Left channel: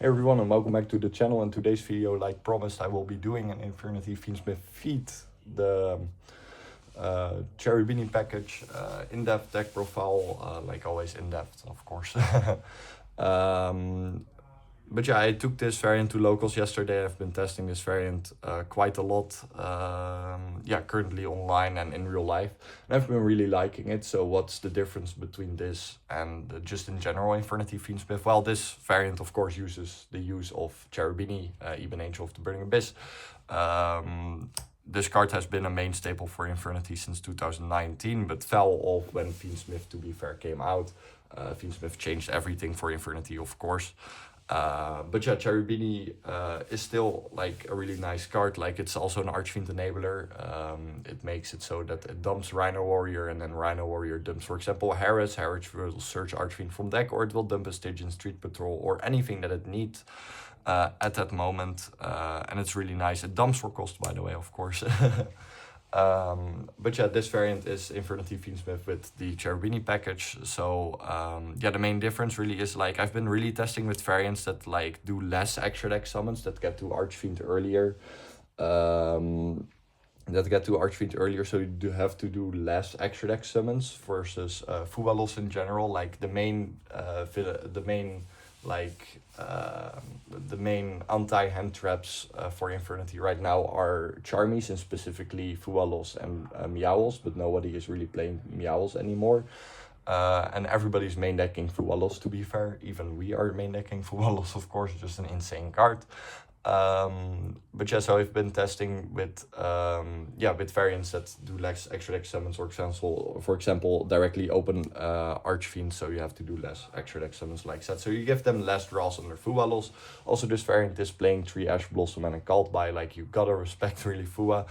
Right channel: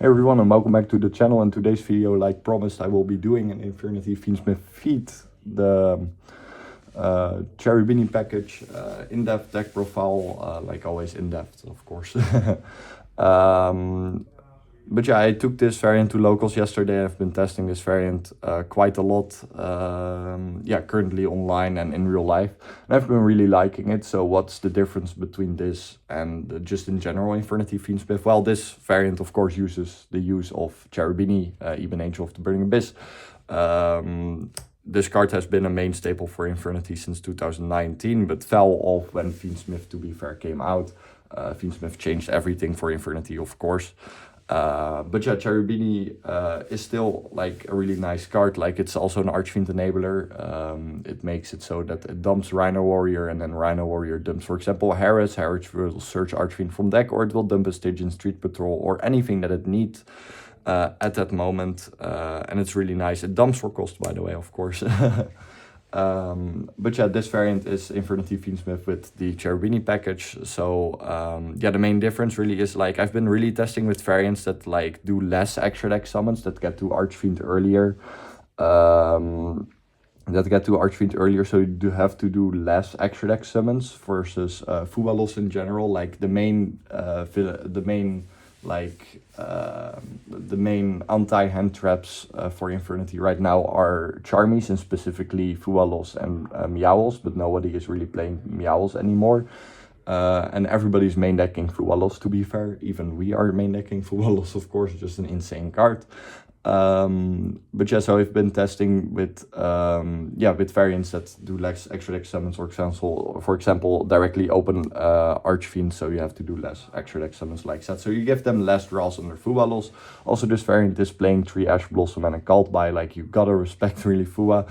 Hey everyone, and welcome back to the channel. In today's video, like promised, I will be doing an Infernity Fiendsmith feat, the Cherubini package, in-depth deck profile, like always in-depth, of course. But yeah, I took this variant to locals yesterday. I've been testing this variant quite a lot, yeah, currently online and in real life. And I've been really liking it. So what's the difference between this and just in general Infernity Fiendsmith? Well, this variant, of course, uses the use of Cherubini, Even Angel of the Burning Abyss. This card has been a main staple for Infernity since 2019, but fell off when Fiendsmith, to be fair, came out. Fiendsmith changed everything for Infernity, of course. But yeah, Cherubini is still like a really nice card. Like, it's also an Archfiend enabler. It makes it so that it dumps Rhino Warrior, and then Rhino Warrior dumps, for example, Harris. Harris will search Archfiend from deck, or it will dump a Stygian Street Patrol, or anything that it needs at that moment. And it's really nice. It dumps for cost, by the way, of course. But yeah, this variant is Infernity Fiendsmith with the Cherubini package. So yeah, the main difference really is, like, I've been really testing with variants that like do less extra deck summons, that get to Archfiend earlier. So you do have to do less extra deck summons versus Fuwalos in general. Like the main anti-hand traps for Infernity right now are Charmies, and specifically Fuwalos and Meowls, but nobody is really playing Meowls anymore. And everybody's main decking Fuwalos, to be fair. Even we are main decking Fuwalos, of course, just an insane card. But yeah, so I've been testing with with variants that do less extra deck summons, for example, directly open Archfiend, so you have to do less extra deck summons like that. So you give them less draws on their Fuwalos. Also, this variant is playing 3 Ash Blossom and a Cult by, like, you gotta respect really Fua.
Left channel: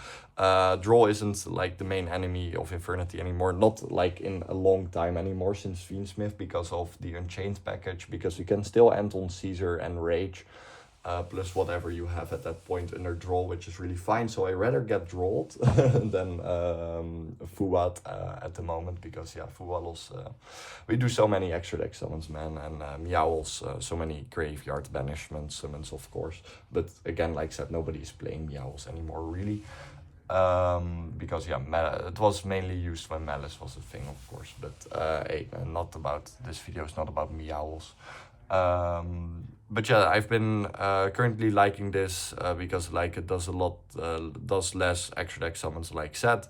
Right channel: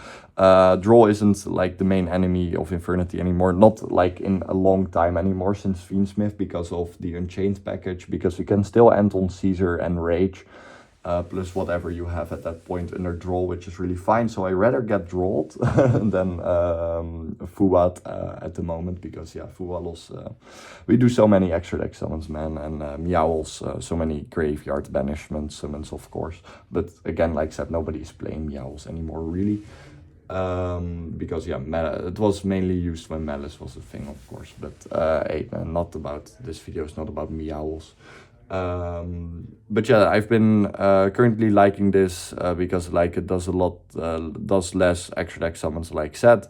Draw isn't like the main enemy of Infernity anymore, not like in a long time anymore since Fiendsmith, because of the Unchained package, because you can still end on Caesar and Rage. Plus whatever you have at that point under draw, which is really fine. So I rather get drawed than Fuwat at the moment, because yeah, Fuwalos, we do so many extra deck summons, man, and Meowls, so many graveyard banishment summons, of course. But again, like I said, nobody's playing Meowls anymore, really. Because yeah, it was mainly used when Malice was a thing, of course. But not about, this video is not about Meowls. But yeah, I've been currently liking this because, like, it does a lot, does less extra deck summons, like said.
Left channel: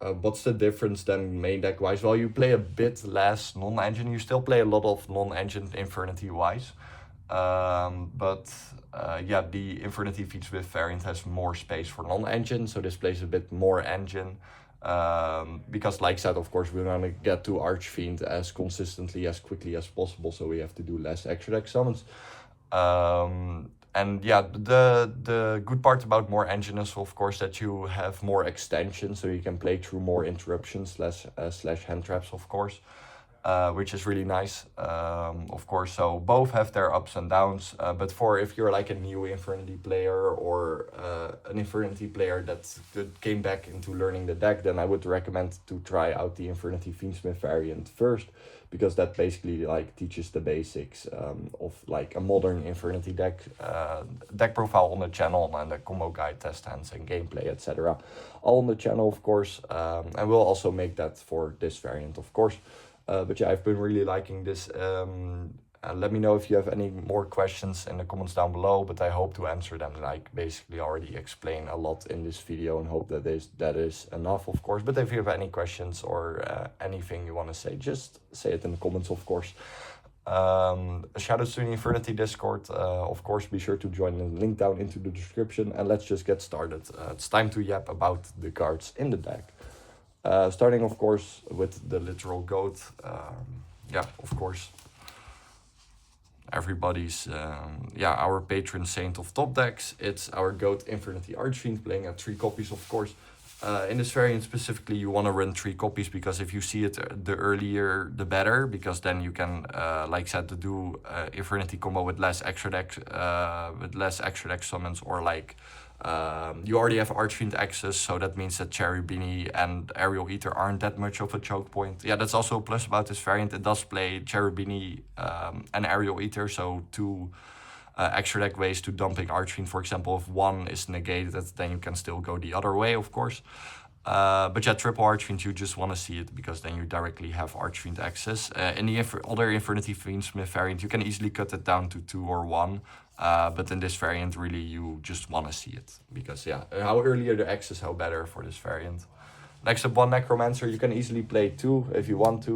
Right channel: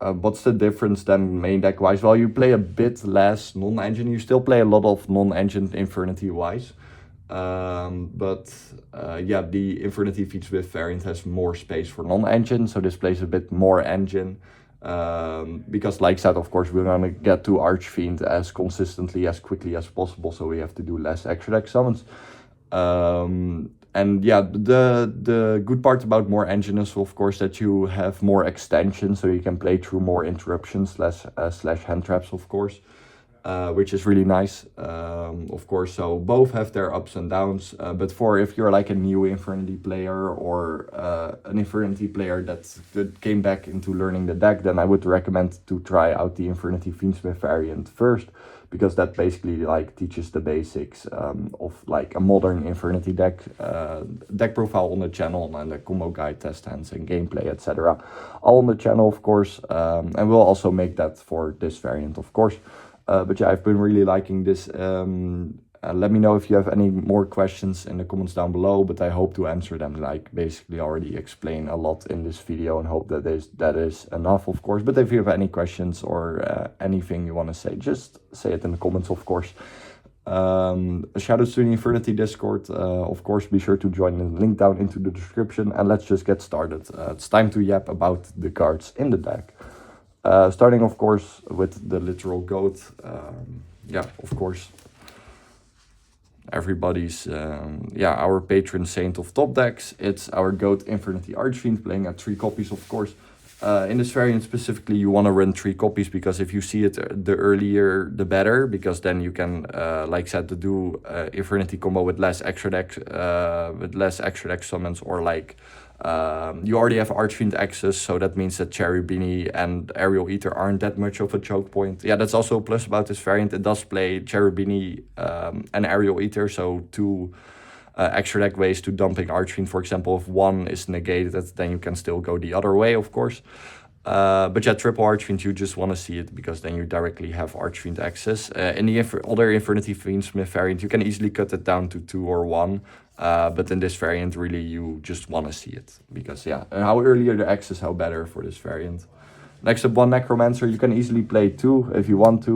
What's the difference then main deck wise? Well, you play a bit less non-engine. You still play a lot of non-engine Infernity wise. But yeah, the Infernity Fiendsmith variant has more space for non-engine, so this plays a bit more engine. Because, like I said, of course, we're gonna get to Archfiend as consistently, as quickly as possible, so we have to do less extra deck summons. And yeah, the good part about more engine is, of course, that you have more extensions, so you can play through more interruptions slash hand traps, of course. Which is really nice, of course. So both have their ups and downs, but if you're like a new Infernity player, or an Infernity player that came back into learning the deck, then I would recommend to try out the Infernity Fiendsmith variant first, because that basically like teaches the basics of like a modern Infernity deck, deck profile on the channel, and the combo guide, test hands, and gameplay, etc. All on the channel, of course, and we'll also make that for this variant, of course. But yeah, I've been really liking this. Let me know if you have any more questions in the comments down below, but I hope to answer them. Like, basically already explain a lot in this video, and hope that is enough, of course. But if you have any questions or anything you want to say, just say it in the comments, of course. Shout out to the Infernity Discord. Of course, be sure to join the link down into the description, and let's just get started. It's time to yap about the cards in the deck. Starting, of course, with the literal GOAT. Yeah, of course, everybody's, our patron saint of top decks. It's our GOAT Infernity Archfiend, playing at 3 copies, of course. In this variant specifically, you want to run 3 copies, because if you see it the earlier, the better, because then you can, like I said, to do Infernity combo with less extra deck summons, or like You already have Archfiend access, so that means that Cherubini and Aerial Eater aren't that much of a choke point. Yeah, that's also a plus about this variant. It does play Cherubini and Aerial Eater, so two extra deck ways to dumping Archfiend. For example, if one is negated, then you can still go the other way, of course. But yeah, triple Archfiend, you just want to see it because then you directly have Archfiend access. In the other Infernity Fiendsmith variant, you can easily cut it down to 2 or 1. But in this variant, really, you just want to see it. Because yeah, how earlier the access, how better for this variant. Next up, one Necromancer. You can easily play 2 if you want to.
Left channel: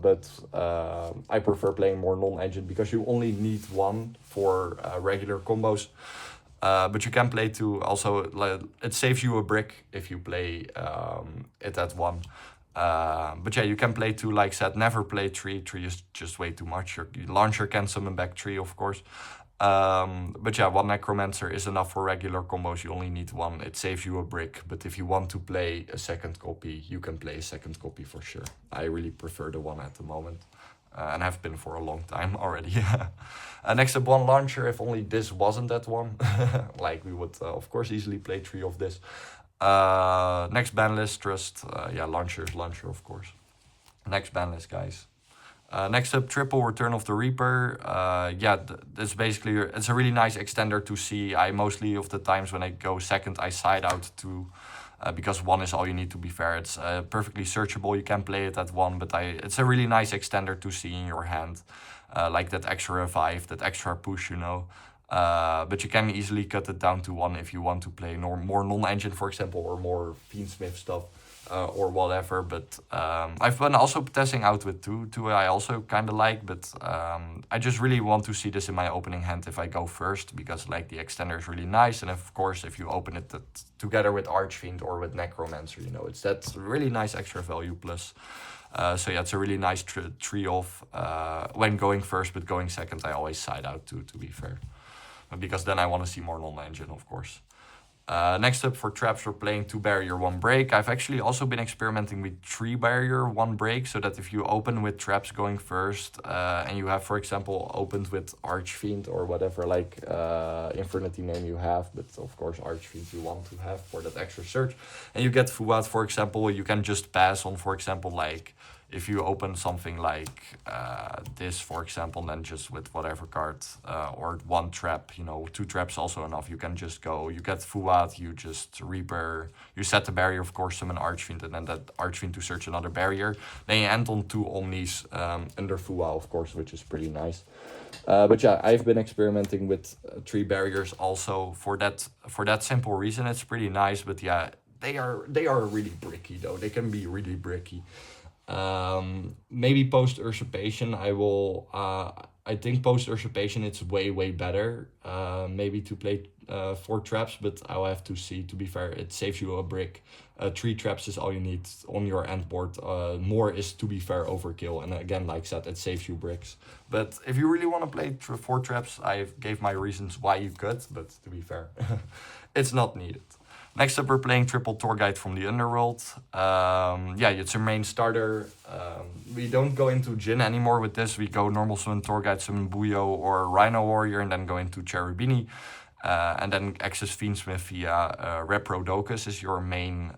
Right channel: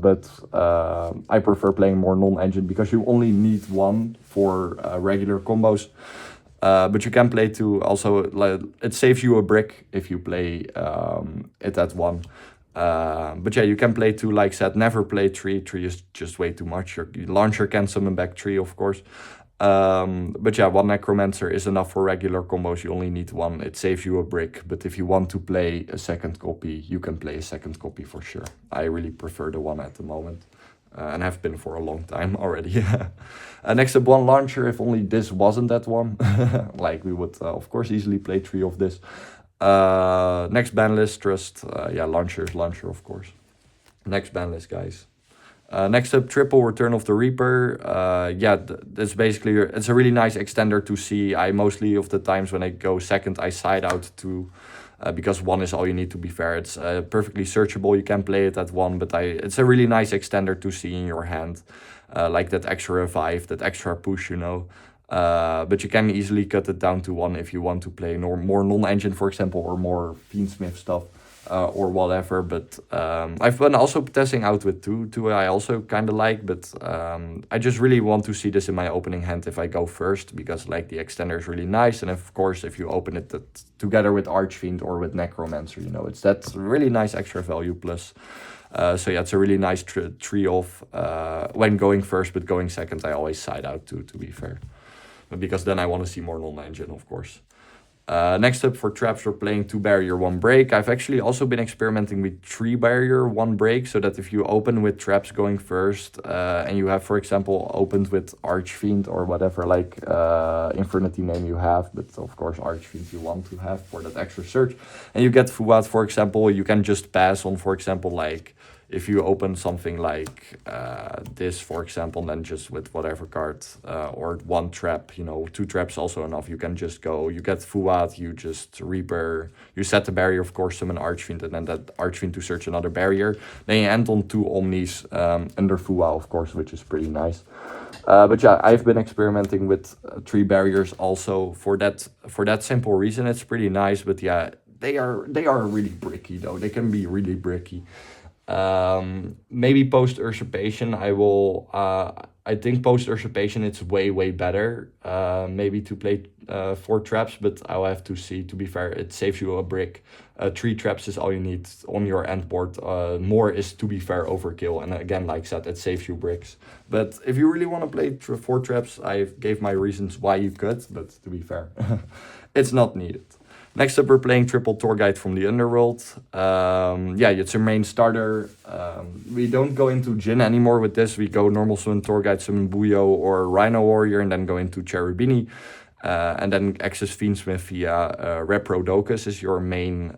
But I prefer playing more non-engine because you only need 1 for regular combos. But you can play 2 also. It saves you a brick if you play it at 1. But yeah, you can play 2 like said. Never play 3. 3 is just way too much. Your launcher can summon back 3, of course. But yeah, 1 Necromancer is enough for regular combos. You only need 1. It saves you a brick. But if you want to play a second copy, you can play a second copy for sure. I really prefer the 1 at the moment. And have been for a long time already. Next up, 1 Launcher. If only this wasn't that 1. Like we would, of course, easily play 3 of this. Next ban list, Trust. Yeah, Launcher is Launcher, of course. Next ban list, guys. Next up, triple Return of the Reaper. Yeah, that's basically, it's a really nice extender to see. I mostly of the times when I go second, I side out 2. Because 1 is all you need, to be fair. It's perfectly searchable. You can play it at 1, but it's a really nice extender to see in your hand. Like that extra revive, that extra push, you know. But you can easily cut it down to 1 if you want to play more non-engine, for example, or more Fiendsmith stuff. Or whatever, but I've been also testing out with 2. 2 I also kind of like, but I just really want to see this in my opening hand if I go first, because like the extender is really nice, and of course if you open it together with Archfiend or with Necromancer, you know, it's that really nice extra value plus. So yeah, it's a really nice tree-off when going first, but going second I always side out to be fair. Because then I want to see more non-engine, of course. Next up, for traps, we're playing 2 barrier, 1 break. I've actually also been experimenting with 3 barrier, 1 break, so that if you open with traps going first, and you have, for example, opened with Archfiend or whatever, like Infernity name you have, but of course Archfiend you want to have for that extra search, and you get Fuad, for example, you can just pass on, for example, like, if you open something like this, for example, then just with whatever card, or 1 trap, you know, 2 traps also enough, you can just go, you get Fuad, you just Reaper, you set the barrier, of course, summon Archfiend, and then that Archfiend to search another barrier. Then you end on 2 Omnis under Fuad, of course, which is pretty nice. But yeah, I've been experimenting with 3 barriers also for that simple reason. It's pretty nice, but yeah, they are really bricky though. They can be really bricky. Maybe post usurpation I think post usurpation it's way better maybe to play 4 traps, but I'll have to see. To be fair, it saves you a brick. 3 traps is all you need on your end board. More is, to be fair, overkill, and again, like I said, it saves you bricks. But if you really want to play 4 traps, I gave my reasons why you could, but to be fair, it's not needed. Next up, we're playing triple Tour Guide from the Underworld. Yeah, it's a main starter. We don't go into Jin anymore with this. We go normal summon Tour Guide, summon Buyo or Rhino Warrior, and then go into Cherubini. And then access Fiendsmith via Reprodokus is your main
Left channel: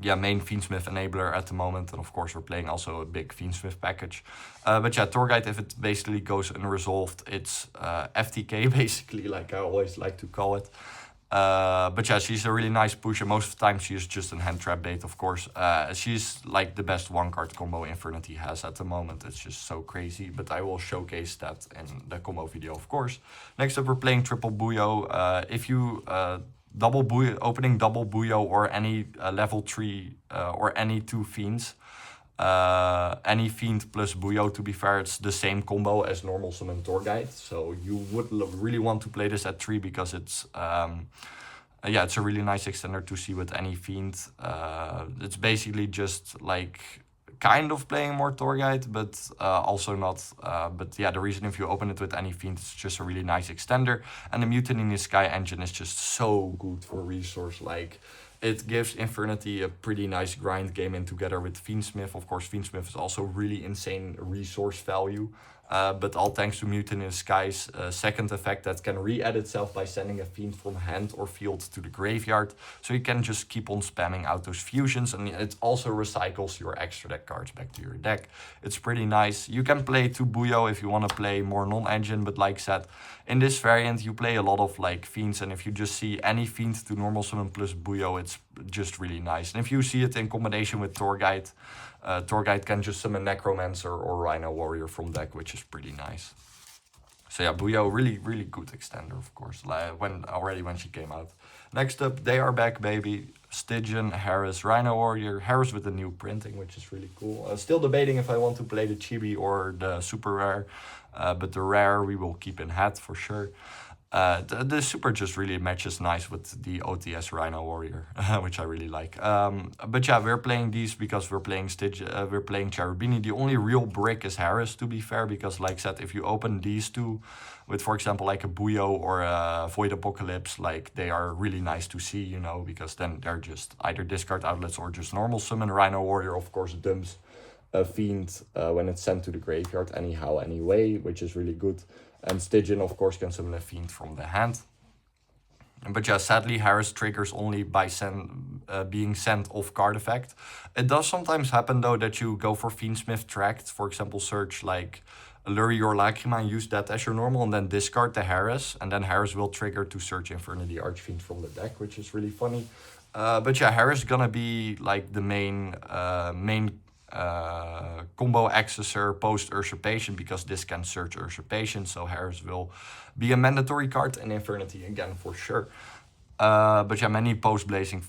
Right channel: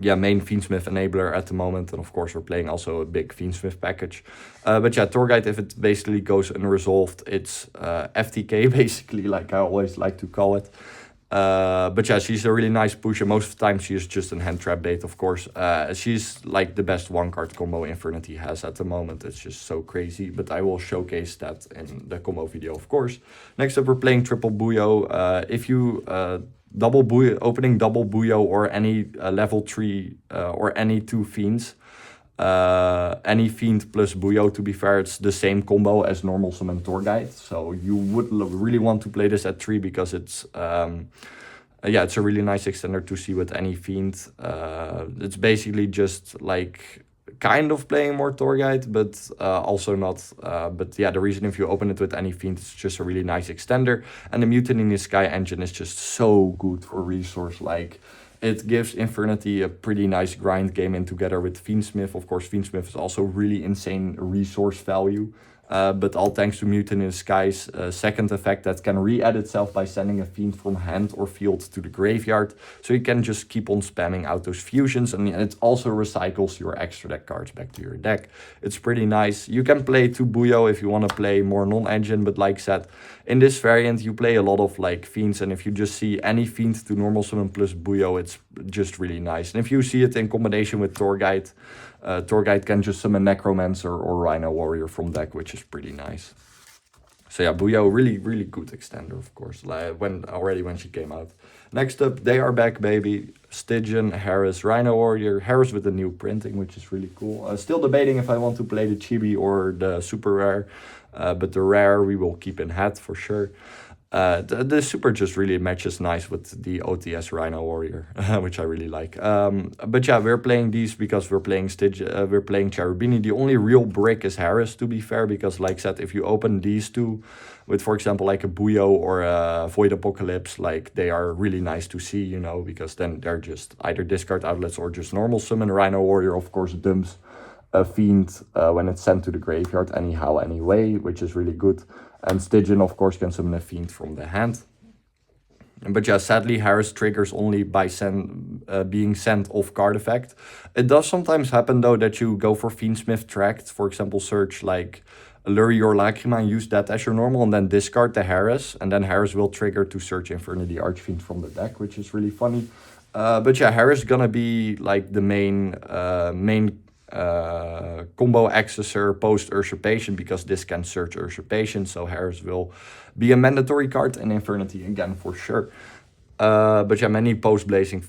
Fiendsmith enabler at the moment. And of course, we're playing also a big Fiendsmith package. But yeah, Tour Guide, if it basically goes unresolved, it's FTK basically, like I always like to call it. But yeah, she's a really nice push, and most of the time she is just a hand trap bait, of course. She's like the best 1-card combo Infernity has at the moment. It's just so crazy, but I will showcase that in the combo video, of course. Next up, we're playing triple Buyo. If you opening double Buyo or any level 3 or any 2 Fiends, any Fiend plus Buyo, to be fair, it's the same combo as normal summon Tour Guide, so you would really want to play this at 3 because it's yeah, it's a really nice extender to see with any Fiend. It's basically just like kind of playing more Tour Guide, but also not. But yeah, the reason if you open it with any Fiend, it's just a really nice extender, and the Mutiny in the Sky engine is just so good for resource. Like, it gives Infernity a pretty nice grind game in together with Fiendsmith. Of course, Fiendsmith is also really insane resource value. but all thanks to Mutant in Disguise, second effect that can re-add itself by sending a fiend from hand or field to the graveyard. So you can just keep on spamming out those fusions, and it also recycles your extra deck cards back to your deck. It's pretty nice. You can play 2 Buyo if you want to play more non-engine, but like I said, in this variant you play a lot of like fiends, and if you just see any fiend to normal summon plus Buyo, it's just really nice. And if you see it in combination with Torguide, Torguide can just summon Necromancer or Rhino Warrior from deck, which is pretty nice. So yeah, Buyo, really good extender, of course, like when she came out. Next up, they are back, baby. Stygian, Harris, Rhino Warrior. Harris with the new printing, which is really cool. Still debating if I want to play the Chibi or the super rare, but the rare we will keep in hand for sure. The super just really matches nice with the OTS Rhino Warrior, which I really like. But yeah, we're playing these because we're playing we're playing Cherubini. The only real brick is Harris, to be fair, because like I said, if you open these two with, for example, like a Buyo or a Void Apocalypse, like they are really nice to see, you know, because then they're just either discard outlets or just normal summon. Rhino Warrior, of course, dumps a fiend when it's sent to the graveyard anyhow anyway, which is really good. And Stygian, of course, can summon a fiend from the hand. But yeah, sadly, Harris triggers only by being sent off card effect. It does sometimes happen, though, that you go for Fiendsmith Tract, for example, search like Allure or Lacrima and use that as your normal, and then discard the Harris, and then Harris will trigger to search Infernity Archfiend from the deck, which is really funny. But yeah, Harris is gonna be like the main combo accessor post Usurpation, because this can search Usurpation, so Harris will be a mandatory card in Infernity again for sure. But yeah, many post Blazing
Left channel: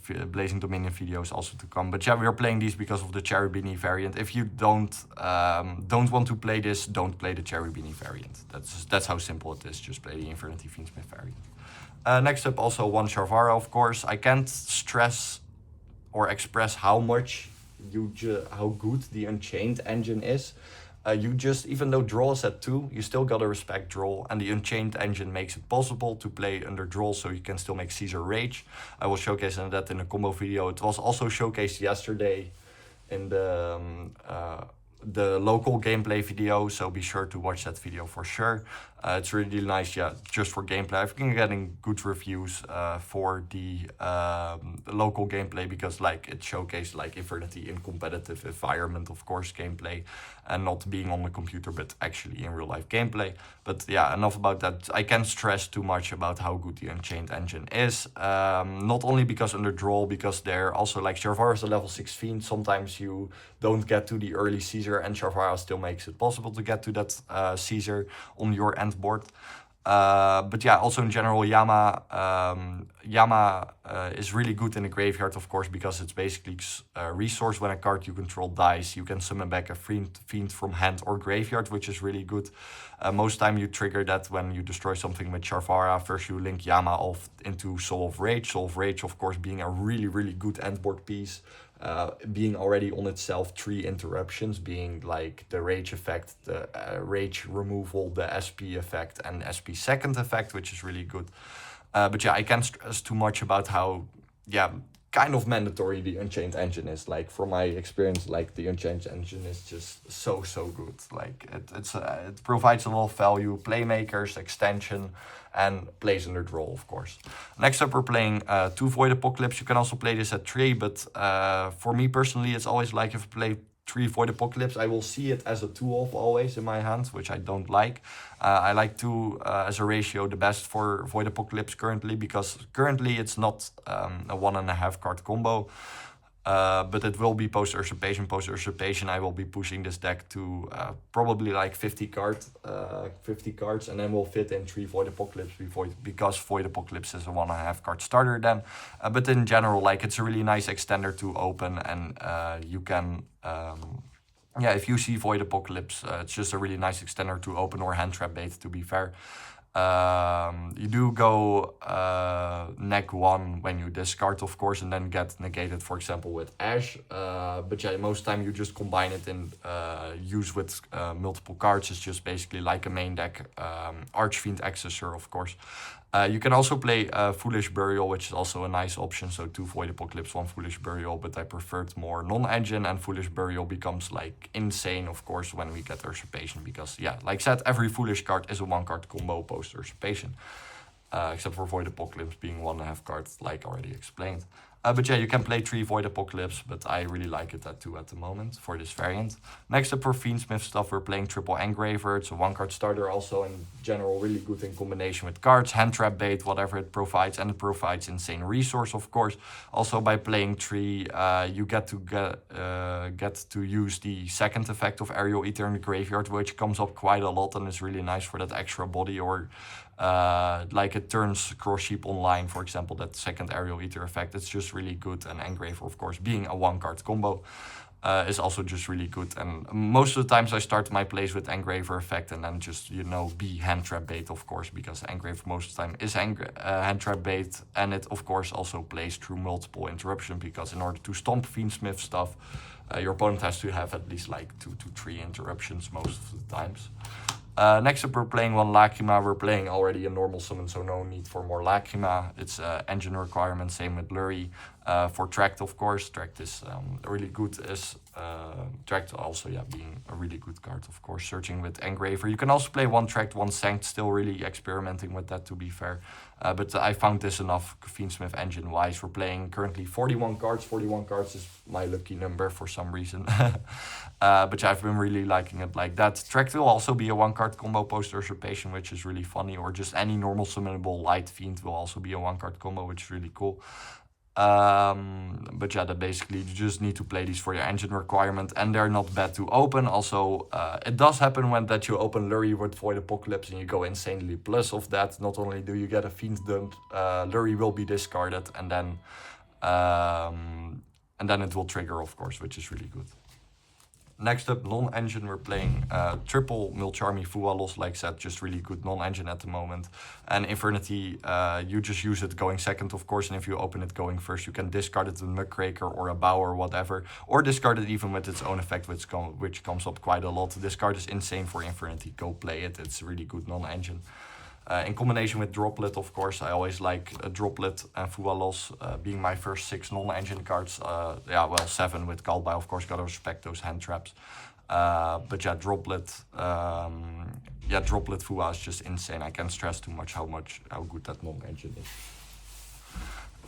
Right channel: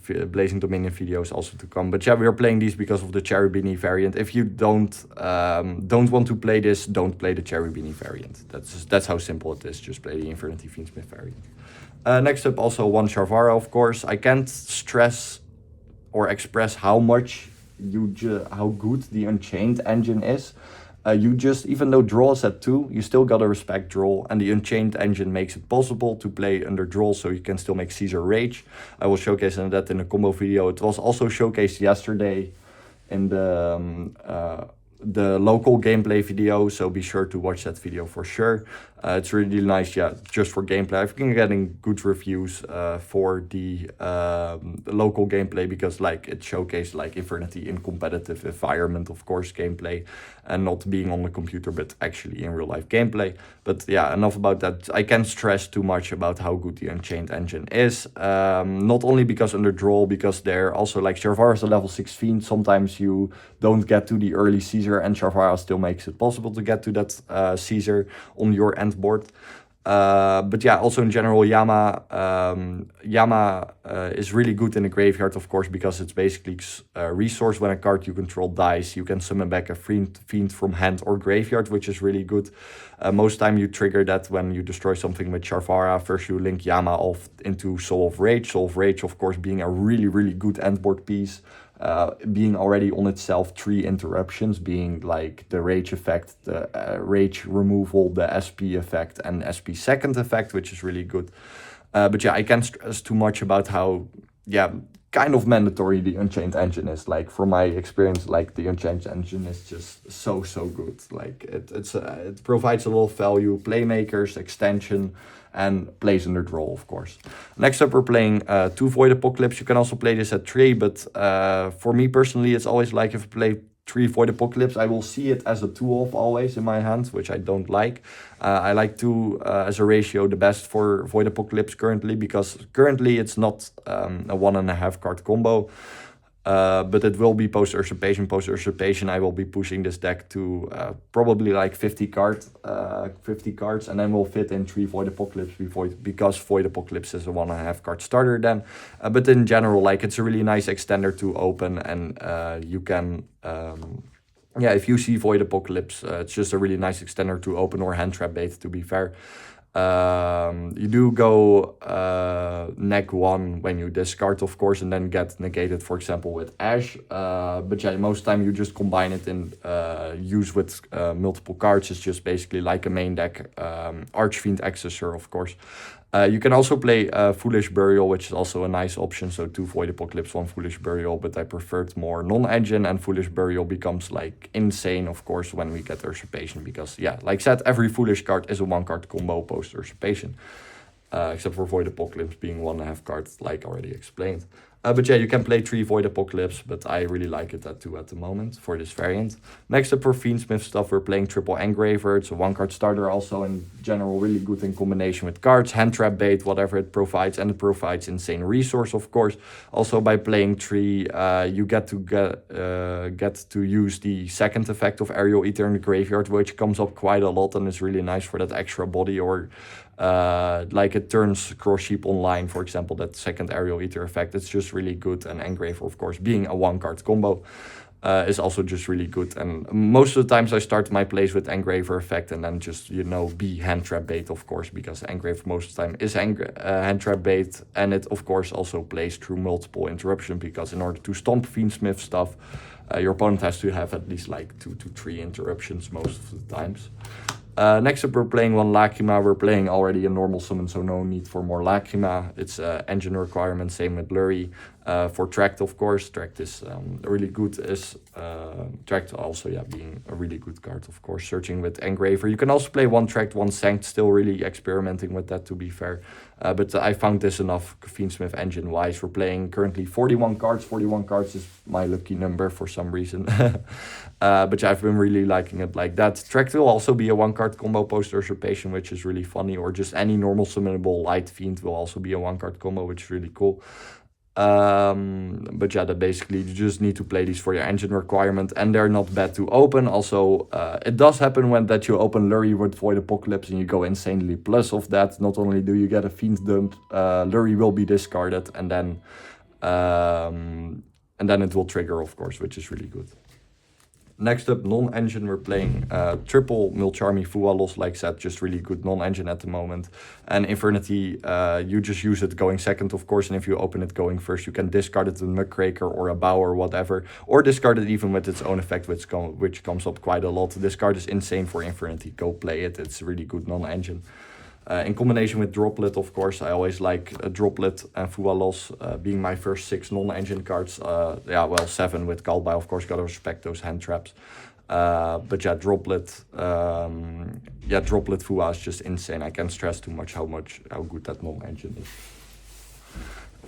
Dominion videos also to come. But yeah, we are playing these because of the Cherubini variant. If you don't want to play this, don't play the Cherubini variant. That's how simple it is. Just play the Infernity Fiendsmith variant. Next up, also one Sharvara, of course. I can't stress or express how good the Unchained engine is. Even though draw is at 2, you still gotta respect draw, and the Unchained engine makes it possible to play under draw, so you can still make Caesar Rage. I will showcase that in a combo video. It was also showcased yesterday in the local gameplay video, so be sure to watch that video for sure. It's really nice, yeah, just for gameplay. I've been getting good reviews for the local gameplay, because like it showcased like Infernity in competitive environment, of course, gameplay, and not being on the computer, but actually in real life gameplay. But yeah, enough about that. I can't stress too much about how good the Unchained engine is. Not only because under draw, because they're also like Sharvara is a level 6 fiend. Sometimes you don't get to the early Caesar, and Sharvara still makes it possible to get to that Caesar on your end board. But yeah, also in general, Yama is really good in the graveyard, of course, because it's basically resource. When a card you control dies, you can summon back a fiend from hand or graveyard, which is really good. Most time you trigger that when you destroy something with Sharvara. First you link Yama off into Soul of Rage. Soul of Rage, of course, being a really good end board piece. Being already on itself 3 interruptions, being like the rage effect, the rage removal, the SP effect, and SP second effect, which is really good. But yeah, I can't stress too much about how, yeah, kind of mandatory the Unchained engine is. Like from my experience, like the Unchained engine is just so good. Like it provides a lot of value, playmakers, extension, and plays under draw, of course. Next up, we're playing 2 Void Apocalypse. You can also play this at 3, but for me personally, it's always like if I play 3 Void Apocalypse, I will see it as a 2-off always in my hand, which I don't like. I like 2 as a ratio the best for Void Apocalypse currently, because currently it's not a 1.5 card combo. But it will be post Usurpation. Post Usurpation, I will be pushing this deck to probably like 50 cards, and then we'll fit in 3 Void Apocalypse because Void Apocalypse is a 1.5 card starter then. But in general, like it's a really nice extender to open, and you can, yeah, if you see Void Apocalypse, it's just a really nice extender to open, or hand trap bait, to be fair. You do go neg 1 when you discard, of course, and then get negated, for example, with Ash. But yeah, most time you just combine it in use with multiple cards. It's just basically like a main deck Archfiend Accessor, of course. You can also play Foolish Burial, which is also a nice option. So 2 Void Apocalypse, 1 Foolish Burial, but I preferred more non-engine, and Foolish Burial becomes like insane, of course, when we get Usurpation, because yeah, like I said, every Foolish card is a 1-card combo post Usurpation. Except for Void Apocalypse being 1.5 cards, like already explained. But yeah, you can play 3 Void Apocalypse, but I really like it at 2 at the moment for this variant. Next up for Fiendsmith stuff, we're playing Triple Engraver. It's a 1-card starter, also in general really good in combination with cards, hand trap bait, whatever it provides, and it provides insane resource, of course. Also by playing 3, you get to use the second effect of Aerial Eater in the graveyard, which comes up quite a lot and is really nice for that extra body, or like it turns Cross Sheep online, for example, that second Aerial Eater effect. It's just really good, and Engraver, of course, being a 1-card combo, is also just really good. And most of the times I start my plays with Engraver effect and then just, you know, be hand trap bait, of course, because Engraver most of the time is hand trap bait, and it of course also plays through multiple interruption, because in order to stomp Fiendsmith stuff, your opponent has to have at least like 2 to 3 interruptions most of the times. Next up, we're playing 1 Lacrima. We're playing already a normal summon, so no need for more Lacrima. It's engine requirement, same with Blurry. For Tract, of course, Tract is really good. Tract also, yeah, being a really good card, of course. Searching with Engraver. You can also play 1 Tract, 1 Sanct, still really experimenting with that, to be fair. But I found this enough Fiendsmith engine-wise. We're playing currently 41 cards. 41 cards is my lucky number for some reason. But yeah, I've been really liking it like that. Tract will also be a 1-card combo post Usurpation, which is really funny. Or just any normal summonable Light Fiend will also be a 1-card combo, which is really cool. But yeah, that basically you just need to play these for your engine requirement, and they're not bad to open. Also, it does happen when that you open Lurry with Void Apocalypse and you go insanely plus of that. Not only do you get a Fiend dump, Lurry will be discarded, and then it will trigger, of course, which is really good. Next up, non-engine, we're playing triple Milcharmy Fualos, like I said, just really good non-engine at the moment. And Infernity, you just use it going second, of course, and if you open it going first, you can discard it with Muckraker or a Bow or whatever, or discard it even with its own effect, which comes up quite a lot. This card is insane for Infernity, go play it, it's really good non-engine. In combination with Droplet, of course, I always like Droplet and Fualos being my first 6 non-engine cards. Yeah, well, 7 with Galbai, of course, gotta respect those hand traps. But yeah, Droplet Fua is just insane. I can't stress too much how good that non-engine is.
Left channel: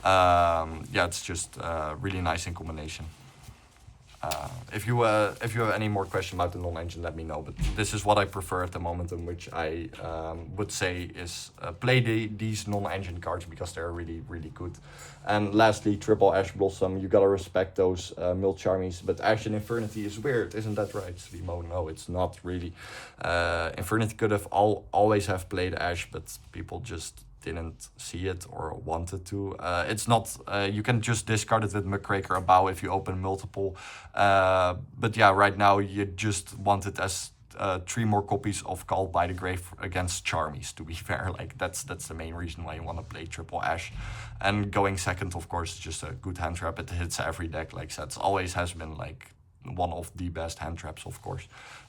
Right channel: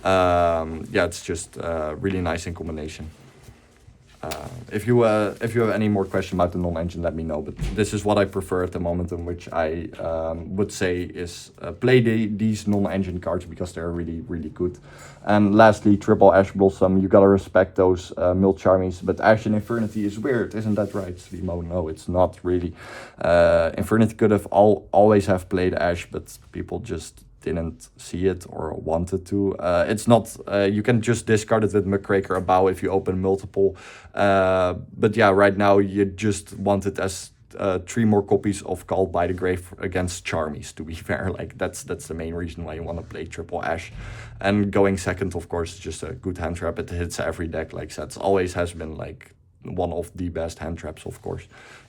Yeah, it's just really nice in combination. If you have any more questions about the non-engine, let me know. But this is what I prefer at the moment, in which I would say is play these non-engine cards because they're really, really good. And lastly, triple Ash Blossom. You gotta respect those Milcharmies. But Ash and Infernity is weird, isn't that right, Svimo? No, it's not really. Infernity could have always have played Ash, but people just didn't see it or wanted to. It's not, you can just discard it with Muckraker or Bow if you open multiple. But yeah, right now you just want it as 3 more copies of Called by the Grave against Charmies, to be fair. Like that's the main reason why you want to play triple Ash. And going second, of course, is just a good hand trap. It hits every deck, like I said. It always has been like one of the best hand traps, of course.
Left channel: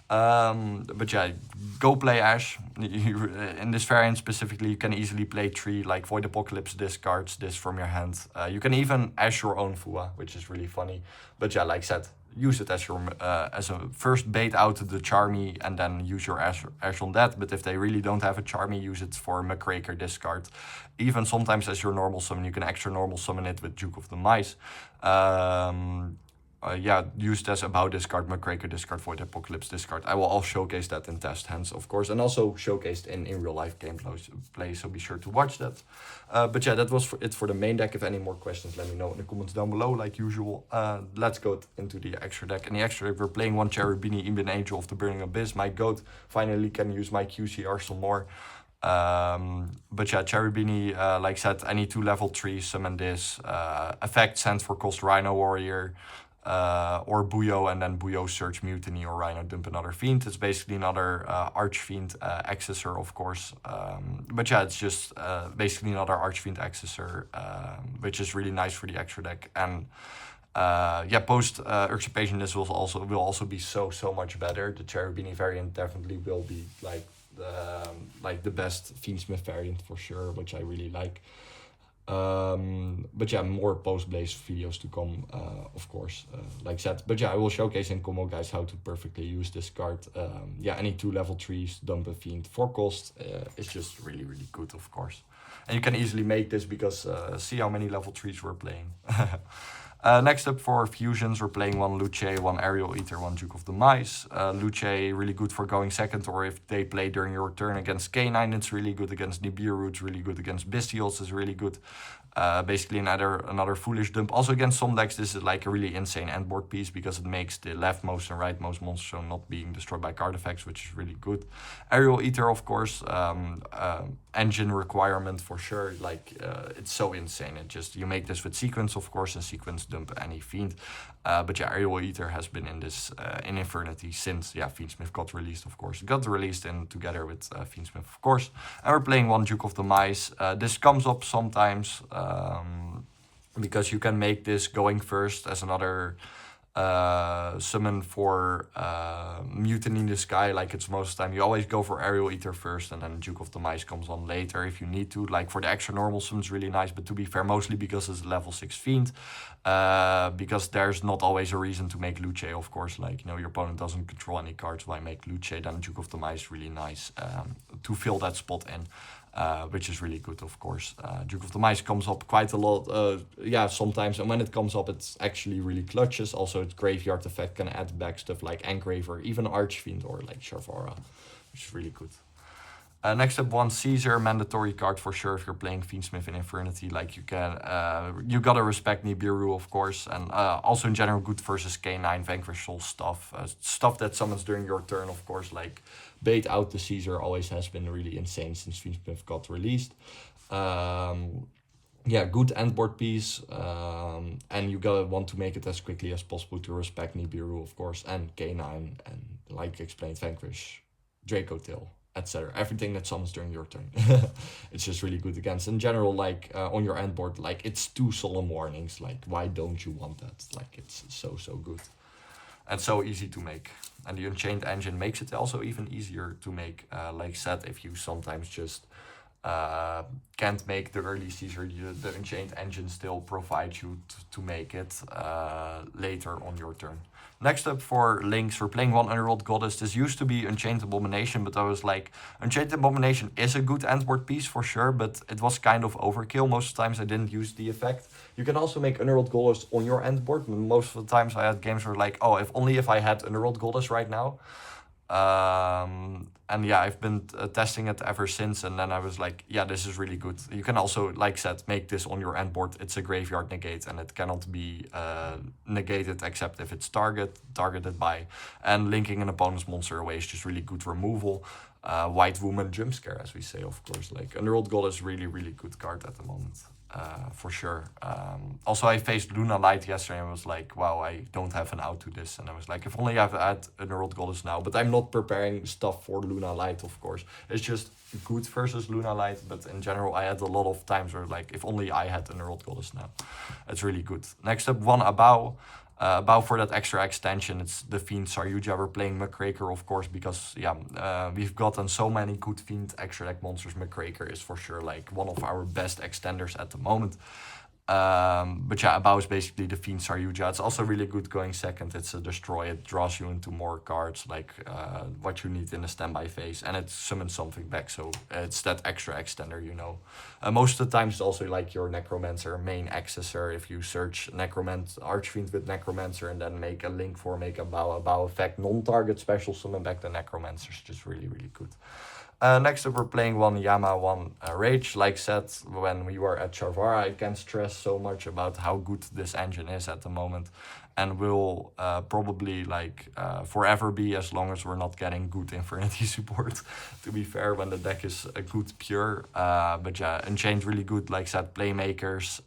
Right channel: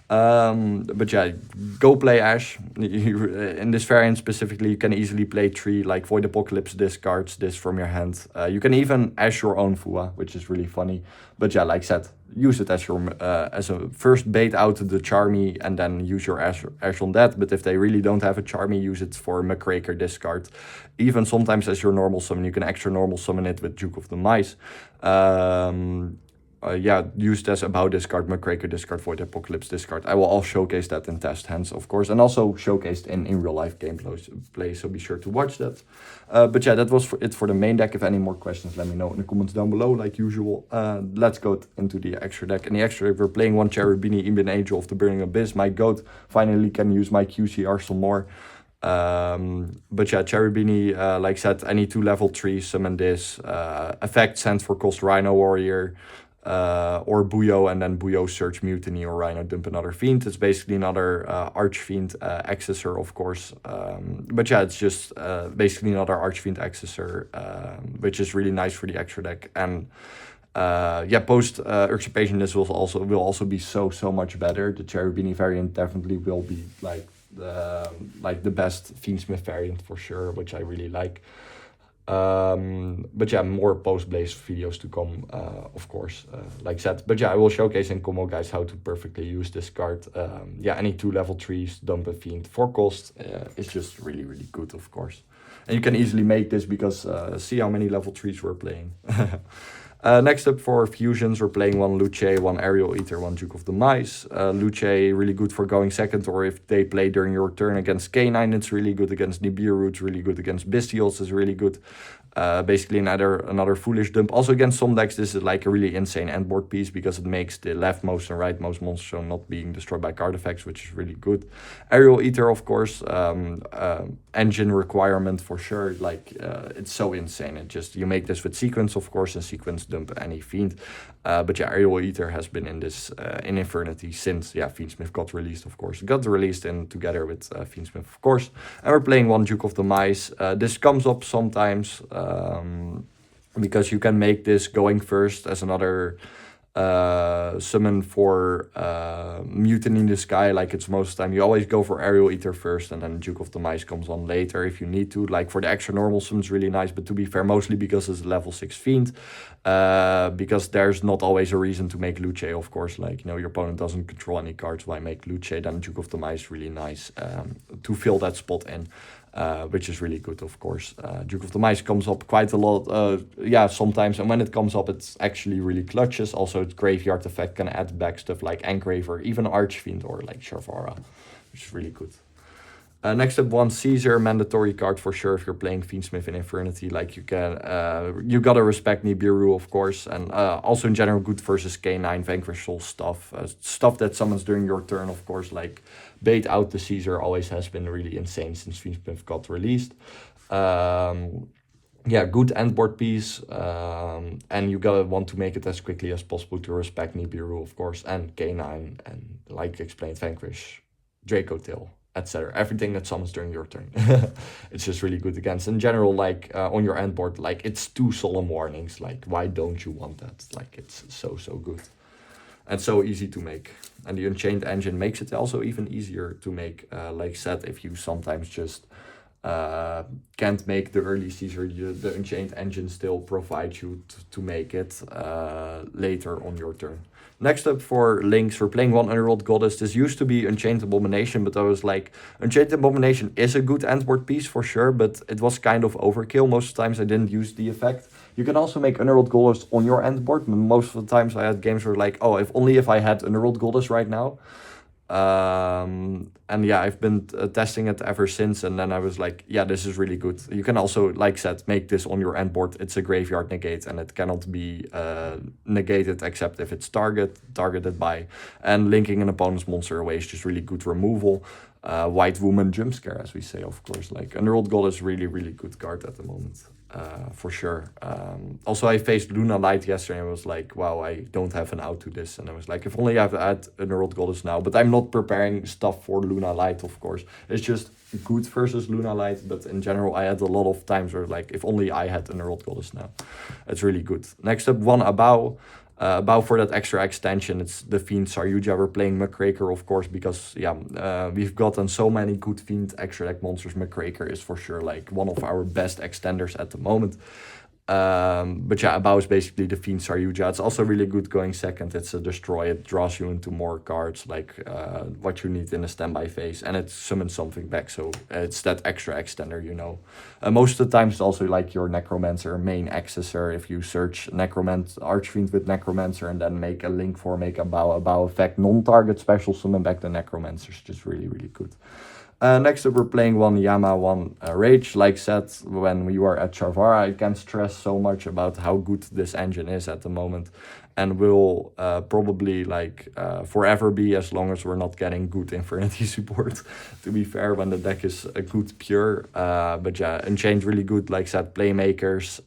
But yeah, go play Ash. In this variant specifically, you can easily play 3, like Void Apocalypse discards this from your hand. You can even Ash your own Fua, which is really funny. But yeah, like I said, use it as your as a first bait out the Charmy, and then use your Ash on that. But if they really don't have a Charmy, use it for Muckraker discard. Even sometimes as your normal summon, you can extra normal summon it with Duke of the Mice. Yeah, used as a Bow discard, Muckraker discard, Void Apocalypse discard. I will all showcase that in test hands, of course, and also showcased in real life gameplay, so be sure to watch that. But yeah, that was it for the main deck. If any more questions, let me know in the comments down below, like usual. Let's go into the extra deck. In the extra deck, we're playing 1 Cherubini, Ibn Angel of the Burning Abyss. My goat finally can use my QC Arsenal more. But yeah, Cherubini, like I said, any 2 level 3 summon this. Effect send for cost Rhino Warrior. Or Buyo, and then Buyo search Mutiny, or Rhino dump another Fiend. It's basically another Archfiend accessor, of course. But yeah, it's just basically another Archfiend accessor, which is really nice for the extra deck. And yeah, post Usurpation, this will also be so much better. The Cherubini variant definitely will be like like the best Fiendsmith variant for sure, which I really like. But yeah, more post-blaze videos to come, of course, like said. But yeah, I will showcase in combo guys how to perfectly use this card. Yeah, any 2 level 3s, dump a fiend for cost. It's just really, really good, of course. And you can easily make this because see how many level 3s we're playing. Next up for fusions, we're playing 1 Luce, 1 Aerial Eater, 1 Duke of the Mice. Luce, really good for going second, or if they play during your turn against K9, it's really good. Against Nibiru, it's really good. Against Bestials, it's really good. Basically another foolish dump. Also against some decks, this is like a really insane endboard piece because it makes the leftmost and rightmost monster not being destroyed by card effects, which is really good. Aerial Eater, of course, engine requirement for sure. Like it's so insane. It just, you make this with sequence, of course, and sequence dump any fiend. But yeah, Aerial Eater has been in this in Infernity since Fiendsmith got released, of course. It got released in together with Fiendsmith, of course. And we're playing 1 Duke of the Mice. This comes up sometimes because you can make this going first as another summon for Mutiny in the Sky. Like it's most of the time you always go for Aerial Eater first and then Duke of the Mice comes on later if you need to. Like for the extra normal summons, really nice, but to be fair, mostly because it's a level 6 fiend. Because there's not always a reason to make Luce, of course. Like, you know, your opponent doesn't control any cards, why make Luce? Then Duke of the Mice really nice to fill that spot in. Which is really good, of course. Duke of the Mice comes up quite a lot, sometimes, and when it comes up, it's actually really clutches. Also, its graveyard effect can add back stuff like Engraver, even Archfiend, or like Shavara, which is really good. Next up, 1 Caesar, mandatory card for sure if you're playing Fiendsmith in Infernity. Like you can, you gotta respect Nibiru, of course, and also in general good versus K9, Vanquish Soul stuff. Stuff that summons during your turn, of course, like bait out the Caesar always has been really insane since Fiendsmith got released. Yeah, good endboard piece, and you gotta want to make it as quickly as possible to respect Nibiru, of course, and K9, and like explained, Vanquish, Draco Tail, etc. Everything that summons during your turn. It's just really good against. In general, like on your endboard, like it's 2 solemn warnings. Like, why don't you want that? Like, it's so good. And so easy to make. And the Unchained engine makes it also even easier to make. Like said, if you sometimes just can't make the early Caesar, the Unchained engine still provides you to make it later on your turn. Next up for links, we're playing 1 Underworld Goddess. This used to be Unchained Abomination, but I was like, Unchained Abomination is a good endboard piece for sure, but it was kind of overkill. Most of the times I didn't use the effect. You can also make Underworld Goddess on your endboard, and most of the times I had games where like, oh, if I had Underworld Goddess right now. And yeah, I've been testing it ever since, and then I was like, yeah, this is really good. You can also, like said, make this on your endboard. It's a graveyard negate, and it cannot be negated except if it's targeted by, and linking an opponent's monster away is just really good removal. White Woman jump scare, as we say, of course. Like Underworld Goddess is really good card at the moment. For sure. Also, I faced Luna Light yesterday and was like, wow, I don't have an out to this. And I was like, if only I've had Underworld Goddess now. But I'm not preparing stuff for Luna Light, of course. It's just good versus Luna Light. But in general, I had a lot of times where like, if only I had Underworld Goddess now. It's really good. Next up, 1 Abao. About for that extra extension, it's the Fiend Saryuja. We're playing Muckraker, of course, because we've gotten so many good Fiend extra deck monsters. Muckraker is for sure like one of our best extenders at the moment. But yeah, Abao is basically the Fiend Saryuja. It's also really good going second. It's a destroy. It draws you into more cards, like what you need in a standby phase, and it summons something back. So it's that extra extender, you know. Most of the time, it's also like your Necromancer main accessor. If you search Archfiend with Necromancer and then make a link for make Abao effect non-target special summon back the Necromancer is just really good. Next up, we're playing 1 Yama, 1 Rage. Like said, when we were at Shavara, I can't stress so much about how good this engine is at the moment. And will probably like forever be, as long as we're not getting good Infernity support, to be fair, when the deck is a good pure. But yeah, Unchained really good, like said, playmakers.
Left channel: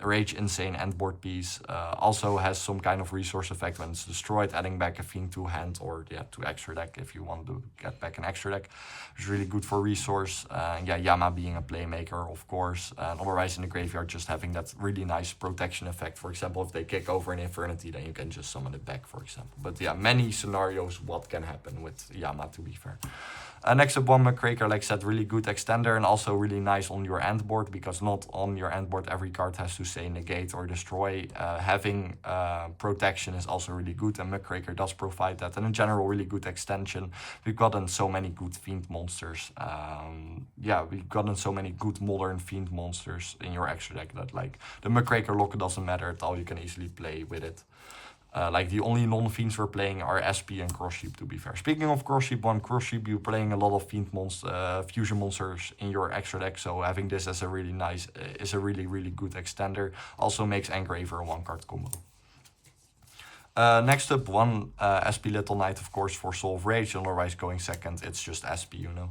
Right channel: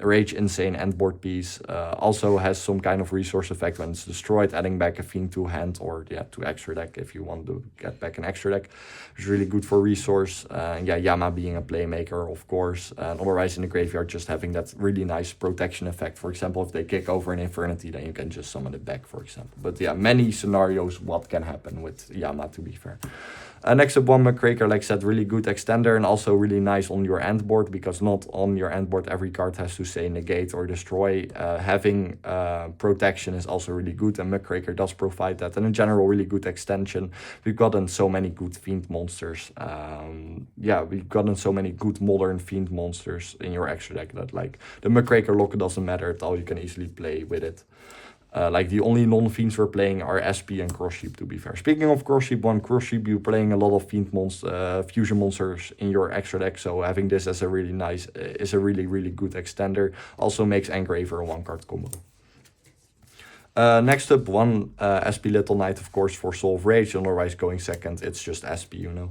Rage insane endboard piece. Also has some kind of resource effect when it's destroyed, adding back a Fiend to hand, or to extra deck if you want to get back an extra deck. It's really good for resource. Yama being a playmaker, of course. Otherwise in the graveyard, just having that really nice protection effect. For example, if they kick over an Infernity, then you can just summon it back, for example. But yeah, many scenarios what can happen with Yama, to be fair. Next up, one Muckraker, like I said, really good extender and also really nice on your end board, because not on your end board every card has to say negate or destroy. Having protection is also really good, and Muckraker does provide that. And in general, really good extension. We've gotten so many good Fiend monsters. Yeah, we've gotten so many good modern Fiend monsters in your extra deck that like the Muckraker lock doesn't matter at all. You can easily play with it. Like the only non-fiends we're playing are SP and Cross Sheep, to be fair. Speaking of Cross Sheep, one Cross Sheep, you're playing a lot of Fiend fusion monsters in your extra deck, so having this as a really nice, is a really good extender. Also makes Engraver a 1-card combo. Next up, one SP Little Knight, of course, for Soul of Rage, otherwise going second, it's just SP, you know.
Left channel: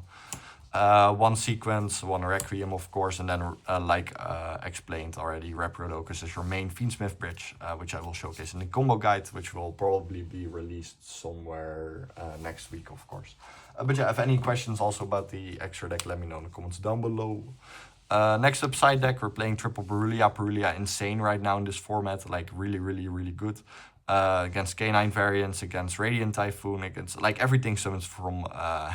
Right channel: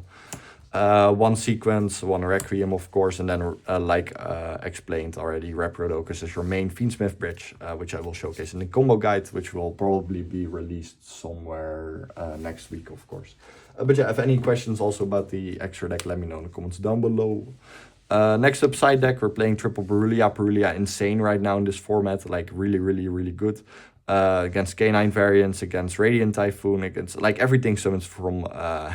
One Sequence, one Requiem, of course, and then, like explained already, Reprodokus is your main Fiendsmith bridge, which I will showcase in the combo guide, which will probably be released somewhere next week, of course. But yeah, if any questions also about the extra deck, let me know in the comments down below. Next up, side deck, we're playing triple Perulia. Perulia insane right now in this format, like really good. Against K9 variants, against Radiant Typhoon, against like everything summons from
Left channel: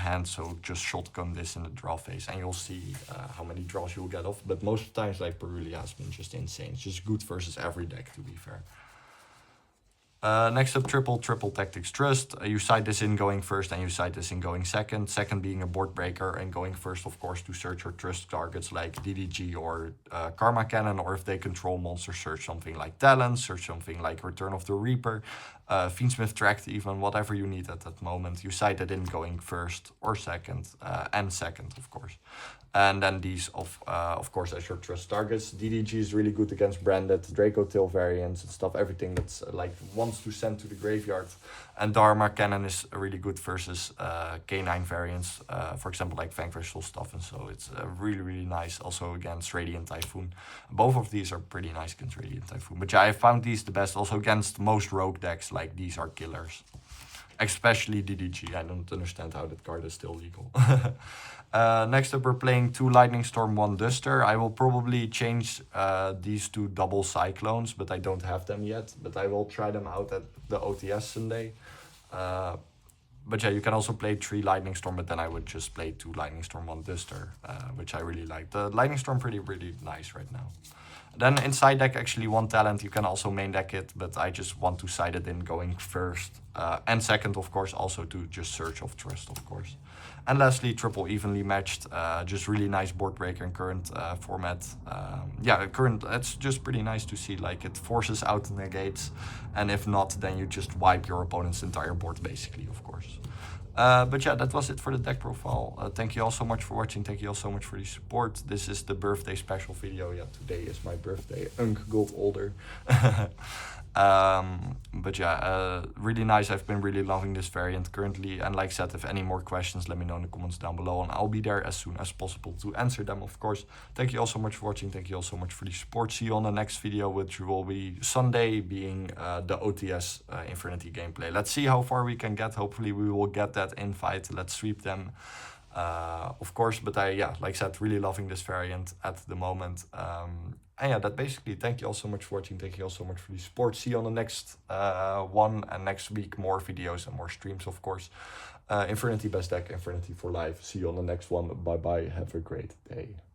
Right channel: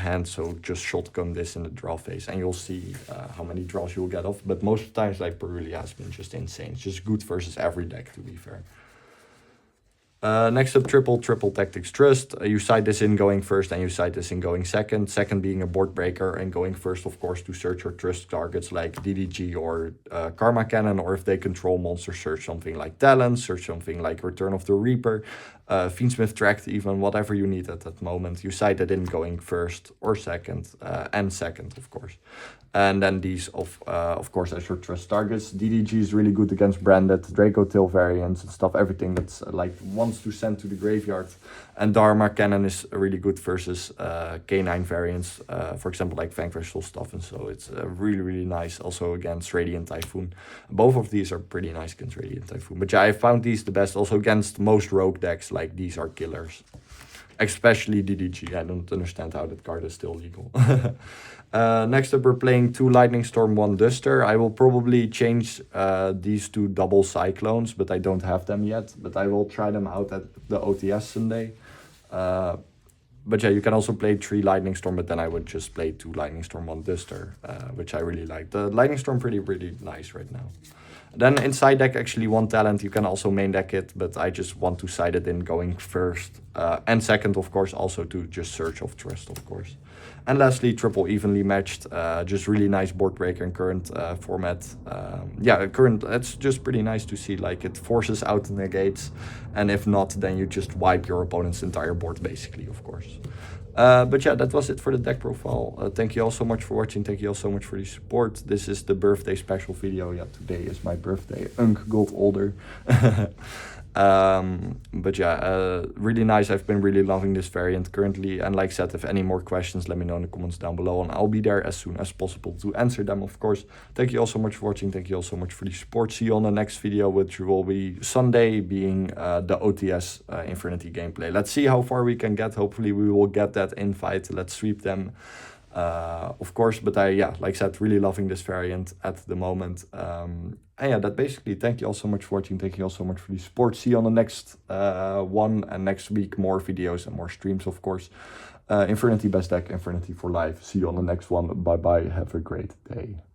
hand, so just shotgun this in the draw phase and you'll see how many draws you'll get off. But most of the times, like, Perulia has been just insane. It's just good versus every deck, to be fair. Next up, triple Tactics Trust. You side this in going first and you side this in going second. Second being a board breaker, and going first, of course, to search your trust targets like DDG or Karma Cannon, or if they control monsters, search something like Talon, search something like Return of the Reaper, Fiendsmith Tract, even whatever you need at that moment. You side it in going first or second, and second, of course. And then these, of course, as your trust targets. DDG is really good against branded Draco Tail variants and stuff, everything that's like wants to send to the graveyard. And Dharma Cannon is really good versus K9 variants, for example, like Vanquish Soul stuff. And so it's really nice also against Radiant Typhoon. Both of these are pretty nice against Radiant Typhoon. But yeah, I found these the best also against most rogue decks, like these are killers. Especially DDG, I don't understand how that card is still legal. Next up, we're playing 2 Lightning Storm, 1 Duster. I will probably change these to double Cyclones, but I don't have them yet. But I will try them out at the OTS Sunday. But yeah, you can also play 3 Lightning Storm, but then I would just play 2 Lightning Storm, 1 Duster, which I really like. The Lightning Storm pretty nice right now. Then in side deck, actually 1 talent, you can also main deck it, but I just want to side it in going first and second, of course, also to just search of trust, of course. And lastly, triple evenly matched, just really nice board breaker in current format. Yeah, current, it's just pretty nice to see, like it forces out the negates, and if not, then you just wipe your opponent's entire board basically, of course. But yeah, that was it for the deck profile. Thank you all so much for watching. Thank you all so much for the support. This is the birthday special video. Yeah, today is my birthday. Unk got older. But yeah, really nice. I've been really loving this variant currently. And like I said, if any more questions, let me know in the comments down below. And I'll be there as soon as possible to answer them, of course. Thank you all so much for watching. Thank you all so much for the support. See you on the next video, which will be Sunday, being the OTS Infernity gameplay. Let's see how far we can get. Hopefully we will get that invite. Let's sweep them. Of course, but yeah, like I said, really loving this variant at the moment. And yeah, that basically, thank you all so much for watching. Thank you all so much for the support. See you on the next one, and next week more videos and more streams, of course. Infernity best deck, Infernity for life. See you on the next one. Bye bye. Have a great day.